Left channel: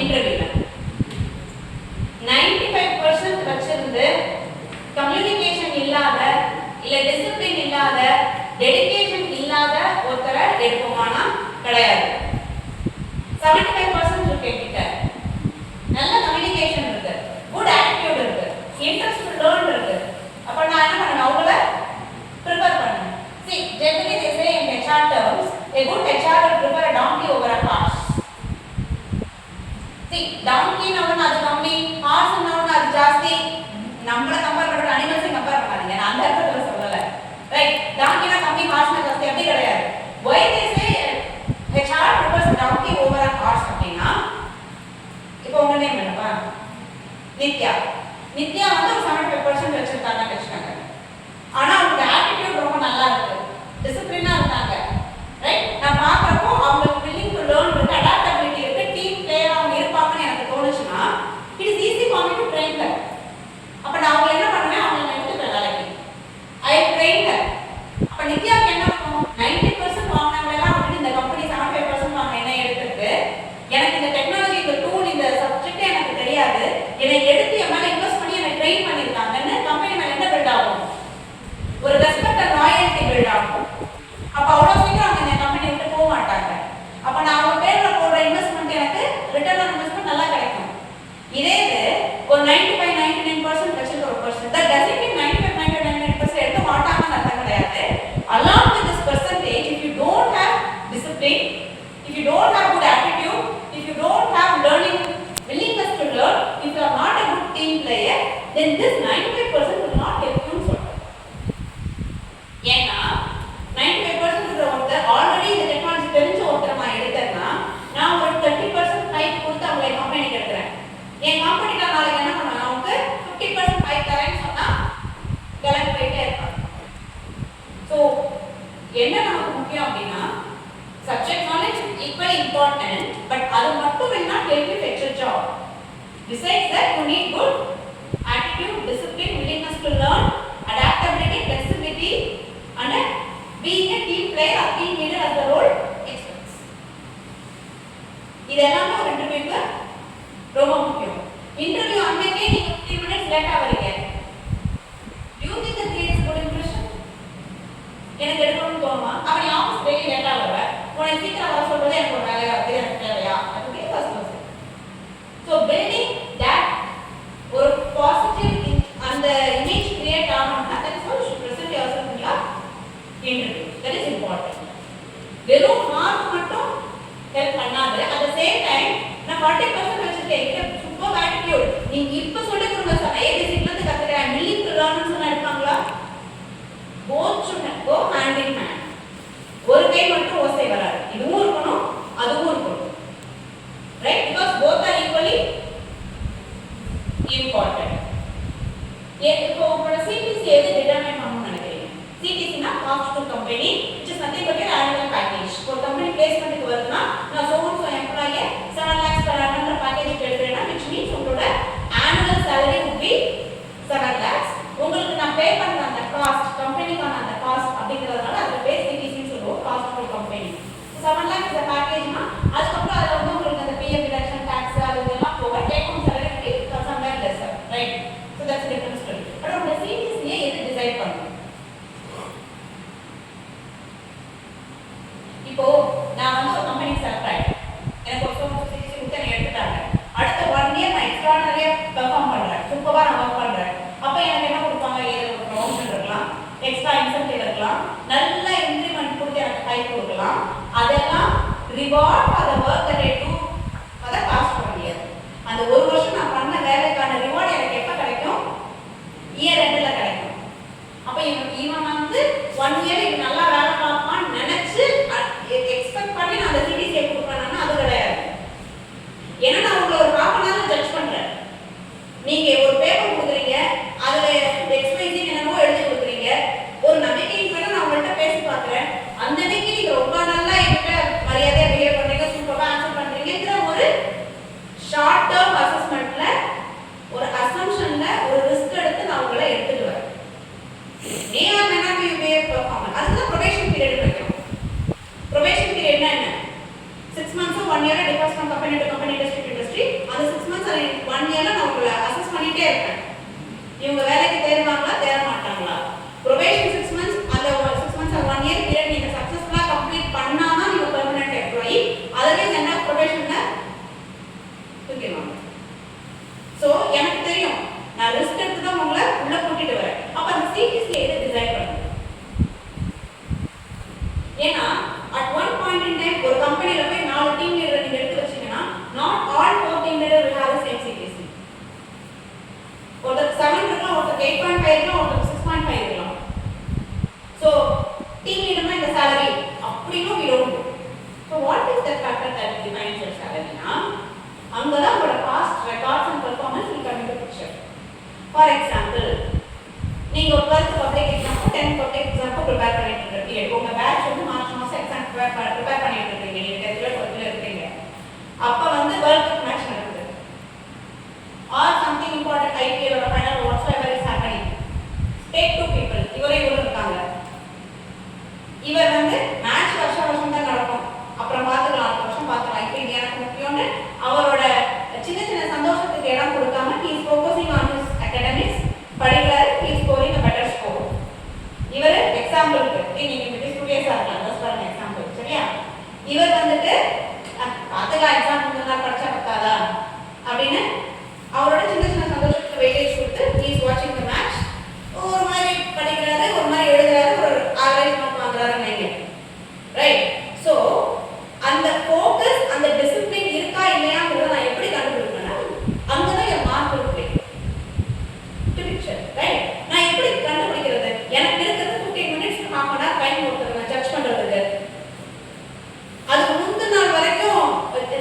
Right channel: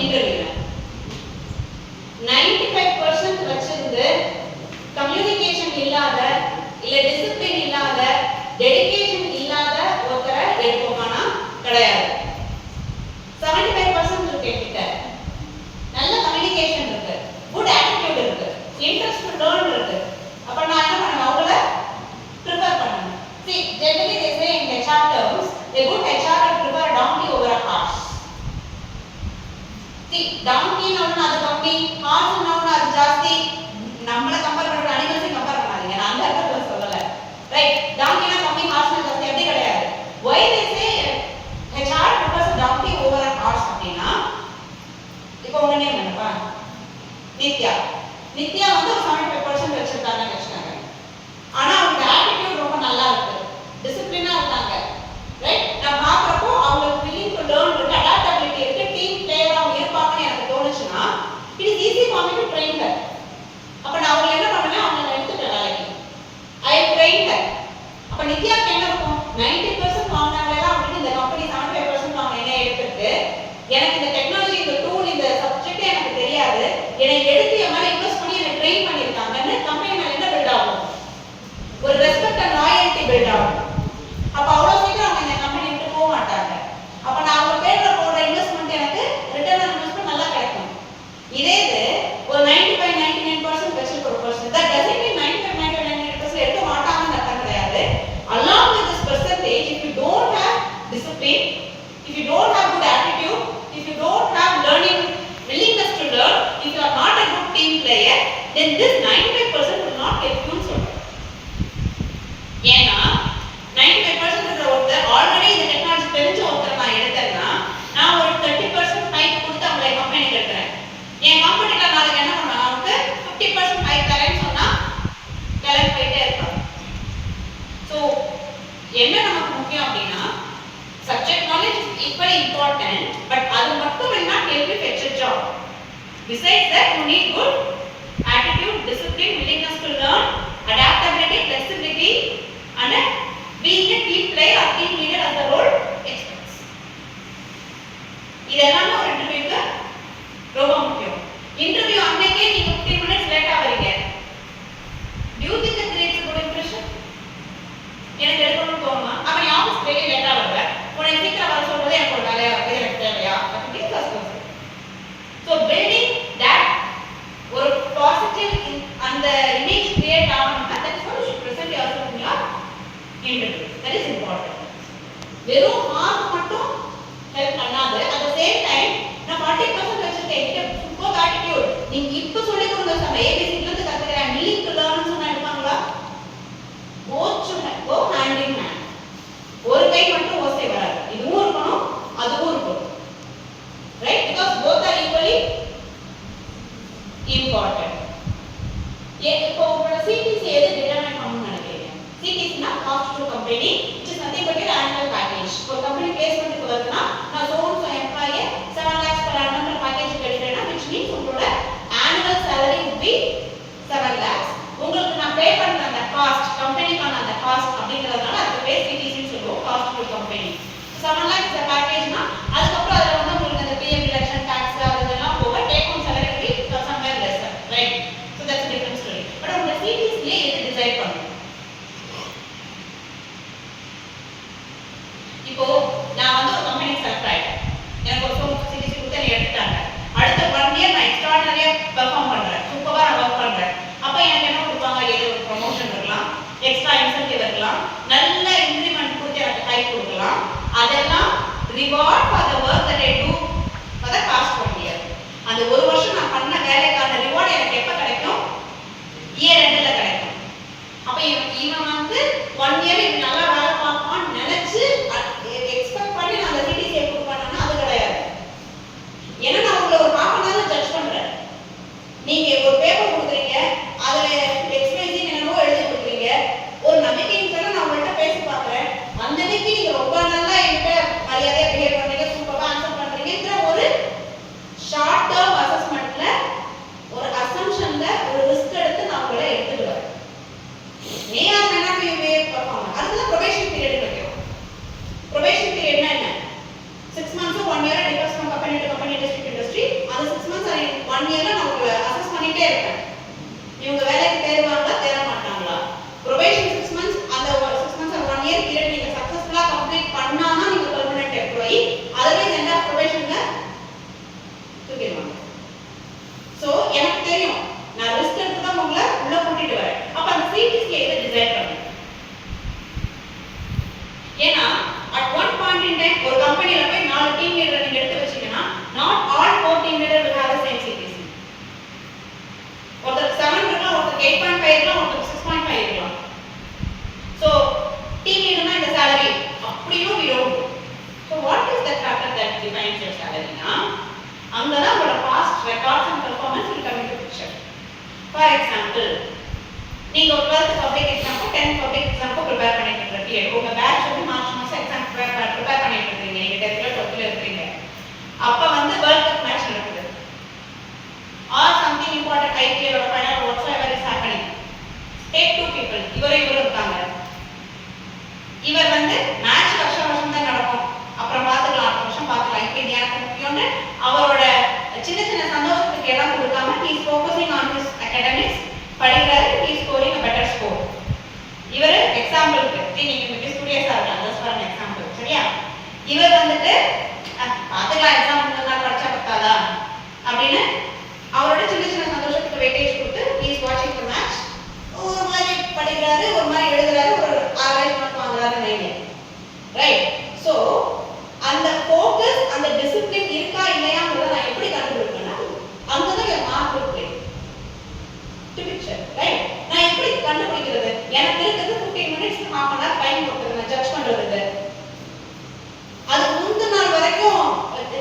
இன்டர்வியூல 95% வச்சிருந்து கம்யூனிகேஷன் இல்லாத இல்ல டிசிப்ளின் இல்லாத டெடிகேஷன் இல்லாத ஒருத்தரை எடுப்போமானா கிடையாது. 75% இருக்கு கிட்ட நல்ல கம்யூனிகேஷன் இருக்கு, குட் ஆட்டிட்யூட் இருக்கு, இன்ட்ரெஸ்ட் டு லேர்ன் இருக்கு. அப்ப நான் என்ன பண்ணணும், அவங்கள ப்ரிஃபர் பண்ணணும். See, generally they say in HR terms, a good HR will prefer a donkey over a horse. See, donkey நாவன அது கம்மி, horse நாவன அது ஜாஸ்தி. நம்மள கம்பேர் பண்ற அனிமல்ஸ் கம்பேர் பண்ணாதீங்க, நான் அந்த அர்த்தத்துல சொல்லல. ரைட், donkey na கம்மி, horse na ஜாஸ்தி அப்படி கிடையாது. Why they say HR prefers a donkey over a horse அப்படினா, இப்போ உங்க நேம் என்னப்பா? நித்யா. நித்யா வந்து 75% வச்சிருக்காங்கன்னு வெச்சுக்கங்க. ஆனா அவங்க ஆட்டிட்யூட் ரொம்ப நல்லா இருக்கு, டிசிப்ளினா இருக்காங்க. ரைட், நான் பாக்குறப்போ அவங்களுக்கு willing to learn இருக்கு, adaptability இருக்கு, டீம் பிளேயரா அவங்க இருப்பாங்கன்னு எனக்கு தோணுச்சுனா it is easy for me to train her. அப்ப நான் அவங்க என்ன பண்ணுவேன், அவங்க எடுத்துட்டு வேலைக்கு I train her. அப்ப நித்யாக்கு என்ன பண்ணும், 90% வாங்குனாங்களா அப்படின்னு இந்த கம்பெனி 75% வாங்க என்ன எடுத்துட்டு எனக்கு இந்த டெக்னாலஜி இந்த டூல் இந்த சப்ஜெக்ட் எனக்கு தெரியாது, என்னை எடுத்து என் மேல இன்வெஸ்ட் பண்ணி என்னை ட்ரெயின் பண்ணிருக்காங்கன்னு கம்பெனி மேல என்ன பில்ட் ஆகும், ஒரு ரெஸ்பெக்ட் அண்ட் லாயல்டி பில்ட் ஆகும். அப்ப அவ்வளவு சீக்கிரம் அவங்க இந்த கம்பெனி விட்டு போக மாட்டாங்க. அப்ப நான் அவங்க பேர்ல போடுற இன்வெஸ்ட்மெண்ட் எனக்கு ரிட்டர்ன் ஆன் இன்வெஸ்ட்மெண்ட் நல்லா கிடைக்கும். இதே இது ஒரு 95-99% வச்சிருக்கிற ஒரு பர்சன் that doesn't mean 95-99% எடுக்க மாட்டாங்கன்னு அர்த்தம் கிடையாது. Along with this percentage, if you don't have discipline, if you don't have good attitude, if you don't have learning willingness to learn, if you are not a good team player, then this 95% will not get you so. ஏன்னா 95% இருக்கிற ஒருத்தர் already இந்த technology தெரிஞ்ச ஒருத்தர் நான் எடுத்தேன்னா நான் ஒரு 30% ஹைக் கொடுத்து அவங்களை கம்பெனிக்கு எடுக்கிறேன். என் கம்பெனில நாளைக்கு என்ன பண்ணுவேன், அவனுக்கு 50% ஹைக் தரேன்னு சொன்னா கிளம்பி போயிட்டே இருப்பாங்க. ஸோ என்ன நமக்கு முக்கியம் அப்படின்னா subject knowledge is equally important, but அது மட்டும் will not help you fetch a job. Besides that, you need good attitude, discipline, willingness to learn, adaptability, flexibility, and being a team player or team leader as the role experts. இது எல்லாமே ஒரு இன்டர்வியூக்கு ரொம்ப முக்கியம். Interview அன்னைக்கே நீங்க 15 minutes லேட்டா வரீங்க, do you think that creates a good impression? எனக்கு எடுக்கணும்னு தோணுமா? அப்ப நீ ஆஃபீஸ் டெய்லி லேட்டா வர, உன்னை சீக்கிரம் வர சொல்றது எனக்கு ஒரு வேலையா இருக்கு, எனக்கு தேவையா அப்படி first question. So building that ஒரு பாசிட்டிவ் அந்த இமேஜ் கிரியேட் ஆகணும்னா that is what you should present yourself in your interview. That is important. வெறும் மார்க் மட்டும் ஹெல்ப் பண்ணாது. அட் தி சேம் டைம் நான் 40% வச்சிருக்கேன், இது சூப்பர் ஆட்டிட்யூட், நீங்க இப்ப சொல்லி கொடுங்க சார், ஏபிசில இருந்து கத்துக்கிறேன், willing to learn சொன்னா எடுப்பாங்களா? both should go hand in hand. ஒரு கை மட்டும் ஓசை வராது, இதுவும் இருக்கணும் அதுவும் இருக்கணும். Right, because both are equally important. இப்போ உங்களோட CTC எது டிட்டர்மைன் பண்ணணும்னு நினைக்கிறீங்க? CTC னா cost to company, which is nothing but your annual package. ஒரு கம்பெனி பிளேஸ்மென்ட்க்கு வருதுன்னா நான் so employee 7 lakhs per annum package எடுக்கிறேன்னா which means உங்களோட annual salary would be 7 lakhs. உங்களுக்கு நான் பே பண்ற அந்த காஸ்ட் கம்பெனிக்கான அந்த காஸ்ட் அப்படிங்கிறதுனால அது பேர் CTC ன்னு சொல்லுவோம், cost to company. 7 lakhs is a package-னா அதுக்கப்புறம் அதுல வந்து உங்களுக்கு அந்த PM deduction tax அதெல்லாம் போக take home salary be somewhere lesser, right? So that's a different story. But உங்க CTC எது டிசைட் பண்ணும்? இப்போ நான் வந்து ஒரு கம்பெனி செலக்ட் ஆயிட்டேன், எனக்கு ஒரு CTC கொடுத்து என்ன எடுத்துட்டாங்க. அடுத்த 1 year நான் எக்ஸ்ட்ராடினரியா பெர்ஃபார்ம் பண்றேன், சூப்பரா நான் வர்க் பண்றேன். அப்ப எனக்கு என்ன கொடுப்பாங்க, ஏதோ ஒரு ப்ரமோஷன் இருக்கலாம், எக்ஸ்ட்ரா இன்சென்டிவ் இருக்கலாம், நல்ல இன்கிரிமென்ட் கொடுத்து எனக்கு கை கொடுக்கலாம். அதெல்லாம் reward for the work that I do for the past 1 year. அந்த ஒரு வருஷம் நான் பண்ண வேலைக்கான ரிவார்ட் எனக்கு எப்ப கிடைக்கும்? இயர் எண்ட்ல கிடைக்கும். அப்ப இவன் வந்து 1 year இவன் நல்லா வேலை பார்ப்பான்னு நினைச்சு எக்ஸ்பெக்ட் பண்ணி நான் அந்த CTC கொடுப்பானா அது கிடையாது. ஏன்னா நான் உங்களை ஒரு half an hour ஜட்ஜ் பண்றேன். நீங்க ஒரு பேப்பர் கொடுக்குறீங்க, அதுல XYZ என்னவோ எழுதி கொடுக்குறீங்க, ஒரு நம்பிக்கையின் பேர்ல நான் உங்கள்கிட்ட பேசி பார்க்குறேன், அந்த நம்பிக்கை நீங்க ரொம்ப நல்லா என்கிட்ட மரியாதையா பிஹேவ் பண்றீங்க, ஏன்னா at one point in time ஒரு கம்பெனில போய் 4 டீம் லீடர் நீங்க எடுத்து வச்சீங்கன்னா not all 4 team leader will have the same CPC. ஒருத்தர் 7 இருக்கலாம், ஒருத்தர் 8.5 இருக்கலாம், ஒருத்தர் 6.5 இருக்கலாம். So team leader னா இந்த salary அப்படியும் we don't do. So what is the factor that defines your salary na? அங்கதான் உங்களோட past records and performance will come into picture. For example, நீங்க ஒரு 12th public exam 10th public exam prepare பண்ணிட்டு இருக்கீங்க. உங்க batch வந்து March மாசம் exam prepare பண்ணிட்டு இருக்கீங்க. நீங்க 10th ல 12th ல இருக்கீங்க. அப்ப வந்து world cup match நடக்குது. Or something important IPL or final whatsoever is happening. Take two people. இவரே இருக்காங்க. இவர் வந்து மேட்ச் வருஷம் தான் நடக்கும். அப்புறம் பார்த்துக்கலாம், அடுத்த வருஷம் பார்த்துக்கலாம். இப்போ இது எனக்கு முக்கியம்னு அவரோட சின்ன சின்ன சந்தோஷத்துக்கு இடம் கொடுக்காம he is focusing on his academics, படிக்கிறாரு, he is scoring a better score. இவர் எக்ஸாம்பிளுக்கு நீங்க இந்த ஸ்டூடியோஸா இருக்கலாம், ஜஸ்ட் ஃபார் எக்ஸாம்பிள், சரியா? இவர் வந்துட்டு பார்த்துக்கலாம், எக்ஸாம் நல்லா படிச்சா பத்தாதா அப்படின்னு அவரோட சின்ன சின்ன சந்தோஷத்துக்கு வெயிட்டேஜ் கொடுத்து he is watching the match. ஒரு மாதிரி படிக்கிறாரு, ஒரு மாதிரி எழுதுறாரு, ஒரு ஆவரேஜ் மார்க் வாங்குறாருன்னு நினைக்கிறேன். ரைட்? ஸோ அந்த ஃபோக்கஸ், அந்த டிசிப்ளின் இருக்கா இல்லையாங்கிறத நான் எப்படி கண்டுபிடிப்பேன்னா அங்கதான் என் மார்க் இருக்கு. Picture right? நான் எப்படி கண்டுபிடிக்கிறது? எனக்கு இருக்கிறது 15 minutes half an hour time கொடுத்துருங்க ஜட்ஜ் பண்றதுக்கு. அது முந்தின நாள் வரைக்கும்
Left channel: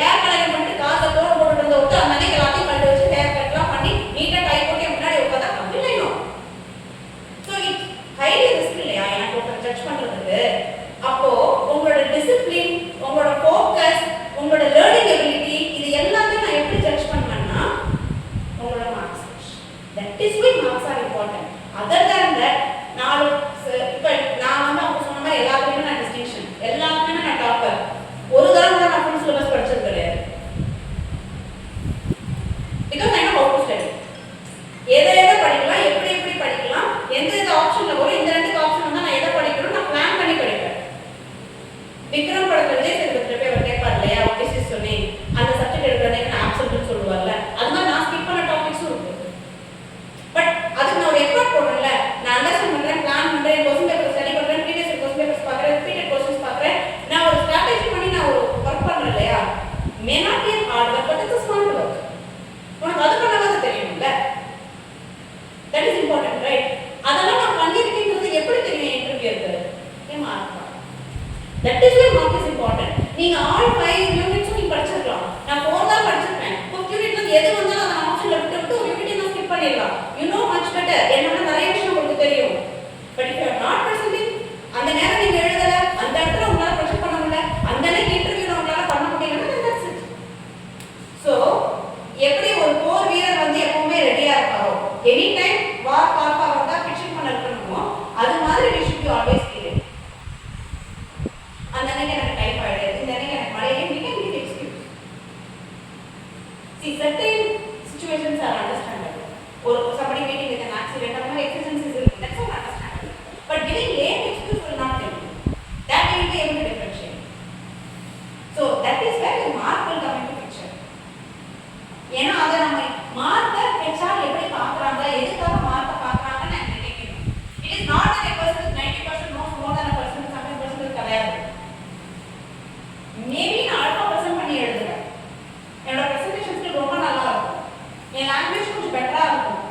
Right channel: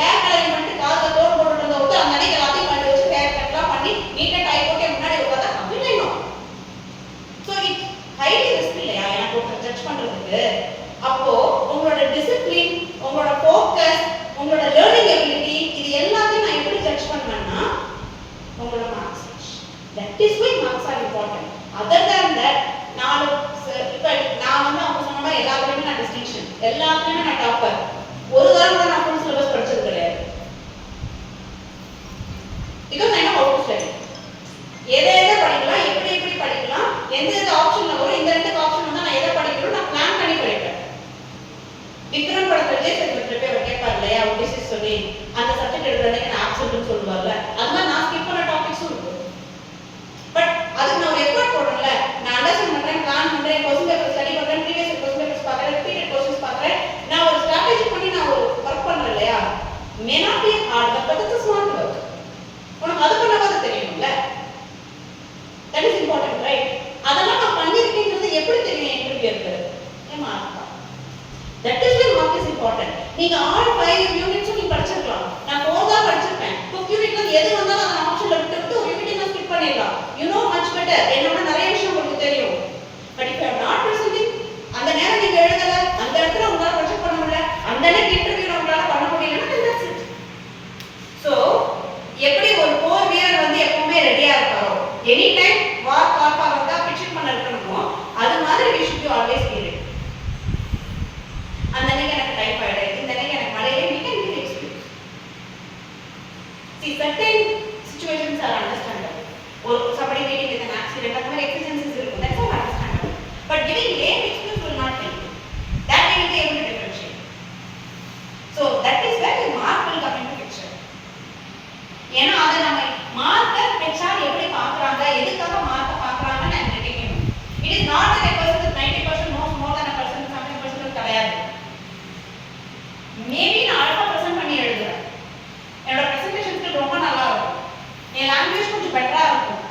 ஹேர் கலரிங் பண்ணிட்டு காசை தோடு போட்டு இருந்த ஒருத்தர் அந்த அன்னைக்கு எல்லாத்தையும் கண்டு வச்சு ஹேர் கட்லாம் பண்ணி நீட்டா டை போட்டு முன்னாடி உட்காந்தா அப்படின்னும். ஸோ இட் ஹைலி ரிஸ்க் இல்லையா எனக்கு ஒருத்தர் ஜட்ஜ் பண்றதுக்கு? அப்போ உங்களோட டிசிப்ளின், உங்களோட ஃபோக்கஸ், உங்களோட லேர்னிங் எபிலிட்டி, இது எல்லாத்தையும் நான் எப்படி ஜட்ஜ் பண்ணுவேன்னா உங்களோட marks. That is why marks are important. Other than that இப்போ நான் வந்து அவங்க சொன்ன மாதிரி எல்லாத்துலேயுமே நான் டிஸ்டிங்ஷன், எல்லாத்துலேயுமே நான் டாப்பர். ஒரு தடவை கூட நான் ஃபுல் சிலபஸ் படிச்சது கிடையாது. Because I know how to study. எதை படிக்கலாம், எப்படி எப்படி படிக்கலாம், எந்த ஆப்ஷன்ல வரும், இந்த ரெண்டு ஆப்ஷன் வந்து நான் எதை படிக்கணும் நான் பிளான் பண்ணி படிப்பேன். விக்ரம் படத்துல ஒரு கேட்பார் இல்லையா, டிசிஸ் சொல்லி அந்த சப்ஜெக்ட் எடுக்கிறதுக்கு நான் ஆப்ஷன் சொல்லுவார்ல, அது மாதிரி நான் ஸ்கிப் பண்ண டாபிக்ஸும் இருக்கு. பட் அதுக்கு நான் ஒரு எஃபர்ட் போடுறேன்ல, நான் அண்டர்ஸ்டாண்ட் பண்றேன், பிளான் பண்றேன், கொஸ்டின் பேப்பர் ஸ்டடி பண்றேன், ப்ரீவியஸ் கொஸ்டின் பேப்பர்ஸ் பார்க்கறேன், ரிப்பீட்டட் கொஸ்டின்ஸ் பார்க்கறேன், நான் ஒரு ஸ்ட்ராட்டஜி பண்ணி நான் ஒரு ஒர்க் பண்றேன் இல்லையா. May not be hard work, but it's smart work. உனக்கு அது பண்ணவாது தெரியும்ல. That is important, right? அதெல்லாம் நான் பண்ணிருக்கேங்கிறது எப்படி தெரியும் இன்டர்வியூக்கு? என் மார்க் தான். That is why mark is important. நீங்க ஆல் 5 யூனிட்ஸும் நீங்க படிச்சிருக்கலாம். நான் 4 தான் படிச்சிருப்பேன். 5 யூனிட்ல எது வந்தாலும் அந்த ஆப்ஷன்ல விட்டு ஒரு யூனிட் நான் ஸ்கிப் பண்ணிடலாம். You know much better. என்னோட நிறைய விஷயம் உங்களுக்கு தெரியும். But if you are not presenting, அந்த நேரம் நீங்க எழுதல, அந்த இடத்துல உங்களால ப்ரொஜெக்ட் பண்ண முடியல, அந்த நேரம் இன்டர்வியூல உங்களால பண்ண முடியலன்னா தட்ஸ் இட். ஸோ எப்படி ஒரு போர் வீரர் வந்து எப்பவுமே ரெடியா இருப்பாரோ, எனி டைம் வார் கால் ஃபார்வர்டா பிக்சர் பண்ண இருக்கணுமோ, அது மாதிரி we should be always ready. அந்த அன்னைக்கு எனக்கு டைஃபாய்டு, இந்த அன்னைக்கு எனக்கு மழையில we can give excuse. See, certain situations are understandable. Or somebody meeting with an accident, அந்த மாதிரி exigencies இருக்கும். That's all understandable. But giving lame excuse will not help you. That you will be able to differentiate. So that is where the mark will come into picture. ஏன்னா அதை நம்ம மார்க்கை HR எப்படி பார்க்குறாங்க, எதுக்காக மார்க்கை பார்க்குறாங்கன்னு நான் நினைக்கணும். It is not that a person with 90% knows more than a person with 70% கிடையாது. மேபி நான் அல்பா ப்ரெசென்ட் பண்ணி எழுதுறேன், என்னோட ப்ரெசன்டேஷன் ஸ்கில் ரொம்ப நல்லா இருக்கும், என் லாங்குவேஜ் கொஞ்சம் பெட்டரா இருக்கும்,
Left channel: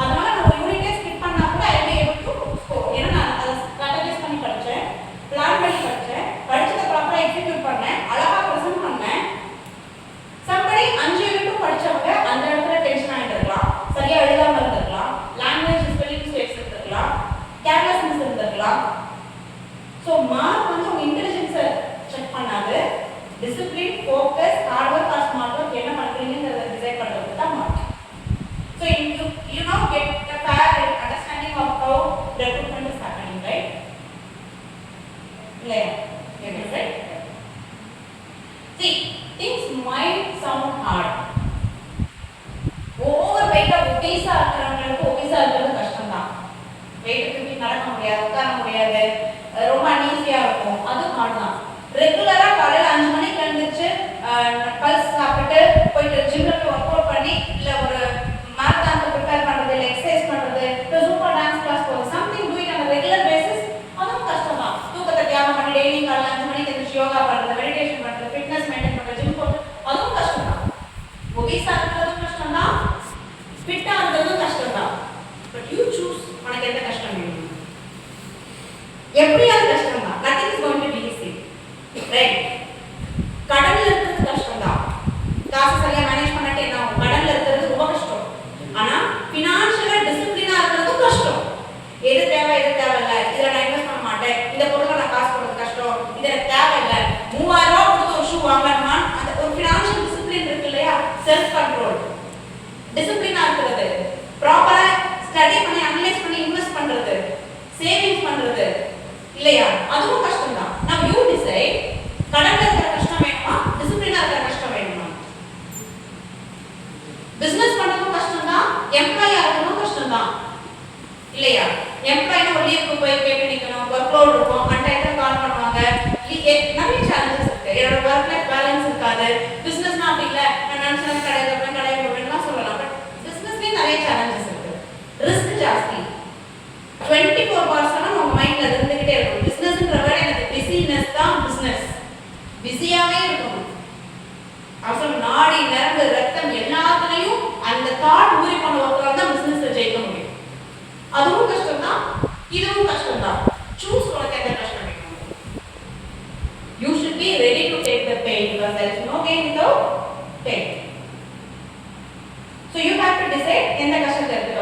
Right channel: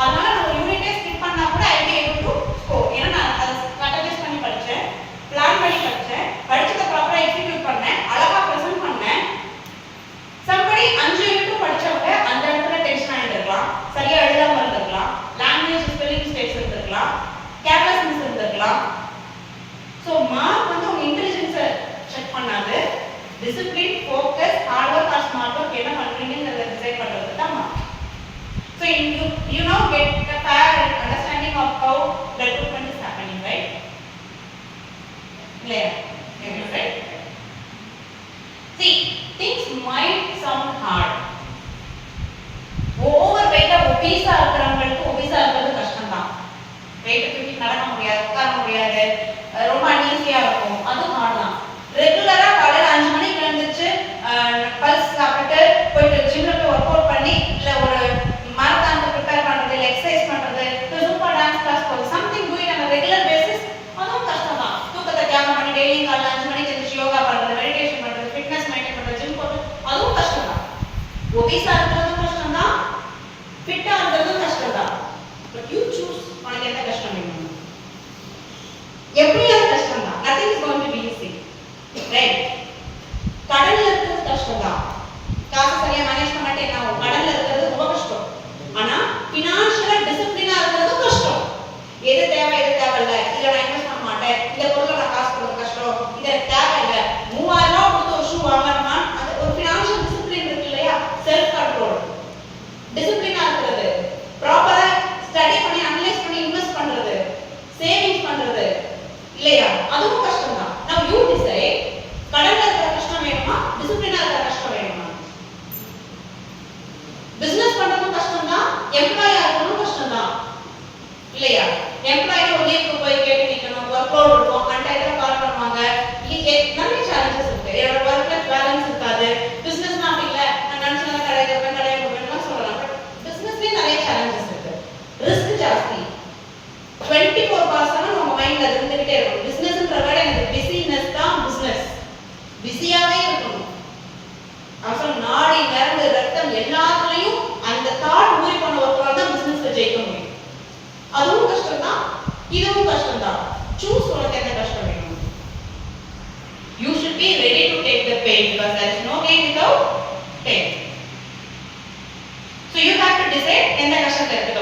அதனால நான் ஒரு யூனிட்டே ஸ்கிப் பண்ணா கூட I be able to score. ஏன்னா நான் அதை ஸ்ட்ராட்டஜைஸ் பண்ணி படித்தேன், பிளான் பண்ணி படித்தேன், படிச்சதை ப்ராப்பராக எக்ஸிக்யூட் பண்ணேன், அழகா ப்ரெசென்ட் பண்ணேன். சம்படி 5 யூனிட்டும் படிச்சவங்க அந்த இடத்துல டென்ஷன் ஆகிருக்கலாம், சரியா எழுதாம இருந்திருக்கலாம், லாங்குவேஜ் ஸ்பெல்லிங் மிஸ்டேக்ஸ் இருந்திருக்கலாம், கேர்லெஸ்னஸ் இருந்திருக்கலாம். ஸோ மார்க் வந்து உங்க இன்டெலிஜென்ஸை செக் பண்ணாது, discipline, focus, hard work or smart work என்ன பண்றீங்கன்றத டிசைட் பண்றது தான் mark. So you know get a fair understanding of how the recruitment is happening, right? இல்லையா? Right? See, things might sound hard. Over வெயிட்டா ஒபீஸா இருக்கிறவங்களுக்கு ஒபீஸா இருக்கிறது கஷ்டம் தான். வெயிட் தூக்கி நடக்க முடியாது, உட்கார முடியாது, ரொம்ப அன்ஈஸியா இருக்கும், அது ஹார்ட் தான். ரெகுலரா காலையில 5 மணிக்கு எழுந்திருச்சு பல்ஸ் சாப்பிட்டு போயிட்டு ஜிம்ல போய் ஒர்க் அவுட் பண்ணி இல்ல ஒரு மாரத்தானுக்கு ப்ரிப்பேர் பண்றது, இல்ல எக்ஸசைஸ் பண்றது, சூப்பர் டான்ஸ் கிளாஸ் போறது, something do it on regular basis, அதுவும் கஷ்டம் தான். தூக்கத்தை தியாகம் பண்ணி டெய்லி காலையில ஒபீஸா இருக்கிறதும் கஷ்டம் தான், ஃபிட்டா இருக்கிறதும் கஷ்டம் தான். பட் யூ சூஸ், உனக்கு எந்த கஷ்டம் வேணும்? எப்படியாவது கஷ்டம் தான். nothing is going to be easy, right? கடல்ல இருக்கிறது கஷ்டம் தான். காசு சரியா மேனேஜ் பண்ணாட்டே என்ன ஆகும்? கடல்ல இருக்கிறது ரொம்ப கஷ்டம். ஆனா ஃபினான்ஷியலா டிசிப்ளினா இருக்கிறது கஷ்டம். எது தேவை எது தேவையில்ல, இதுல நான் இன்வெஸ்ட் பண்ண மாட்டேன், இந்த பொருளை நான் காசு கொடுக்க கஷ்டம், இது எனக்கு தேவையில்லை, 3000 ரூபாய் கொடுத்து ஒரு ஷூ வாங்கலாமா, அந்த ஒரு ஃபினான்ஷியல் டிசிப்ளின் இருக்கு இல்லையா, செல்ஃப் கண்ட்ரோல், டிசிப்ளினா இருக்கிறது, ப்ராப்பரா ஸ்டடி பண்ணி அனலைஸ் பண்ணி இன்வெஸ்ட் பண்றது, சேவிங்ஸ் பண்றது இல்லையா, அதுவும் கஷ்டம் தான். Now you decide, கடல்ல இருக்கிற கஷ்டம் வேணுமா, டிசிப்ளினா இருக்கிற கஷ்டம் வேணுமா? பிசினஸ் பண்றதும் கஷ்டம் தான், எம்ப்ளாயா இருக்கறதும் கஷ்டம் தான் இல்லையா? எம்ப்ளாயி ஒரு லீவுக்கு போய் கேட்டு நிக்கணும், ஒர்க் லோட் இருக்கும், அன்டைம்ல கால் பண்ணுவாங்க, நிறைய சேலஞ்சஸ் இருக்கு. என்னோட ஒர்க் லைஃப் பேலன்ஸ் இருக்காது. பிசினஸ்னா அப்படி இல்ல, நான் நினைச்சத கடையில போய் கடையை போவேன்லாம் சொல்லலாம். பட் பிசினஸ்லயே நிறைய சேலஞ்சஸ் இருக்கு, ரிஸ்க் ஜாஸ்தி. 24 hours நம்ம மைண்ட்ல இருந்துகிட்டே இருக்கும். பிசினஸ்ன்ற வேர்ட் எனக்கு பிஸினஸ் தான் பிசினஸ். பிஸியாவே இருக்கணும். அசல் நாடி நரம்பு ரத்தம் எல்லாத்துலயும் அந்த தாட் ஊறி போன ஒருத்தரால தான் பிசினஸ்ல ஜெயிக்க முடியும். அதுவும் கஷ்டம் தான், இதுவும் கஷ்டம் தான். சூஸ், உனக்கு எந்த கஷ்டம் வேணும்? You should be ready to take the pain because there is no gain without pain. So you have to decide எந்த கஷ்டம் இருக்கு.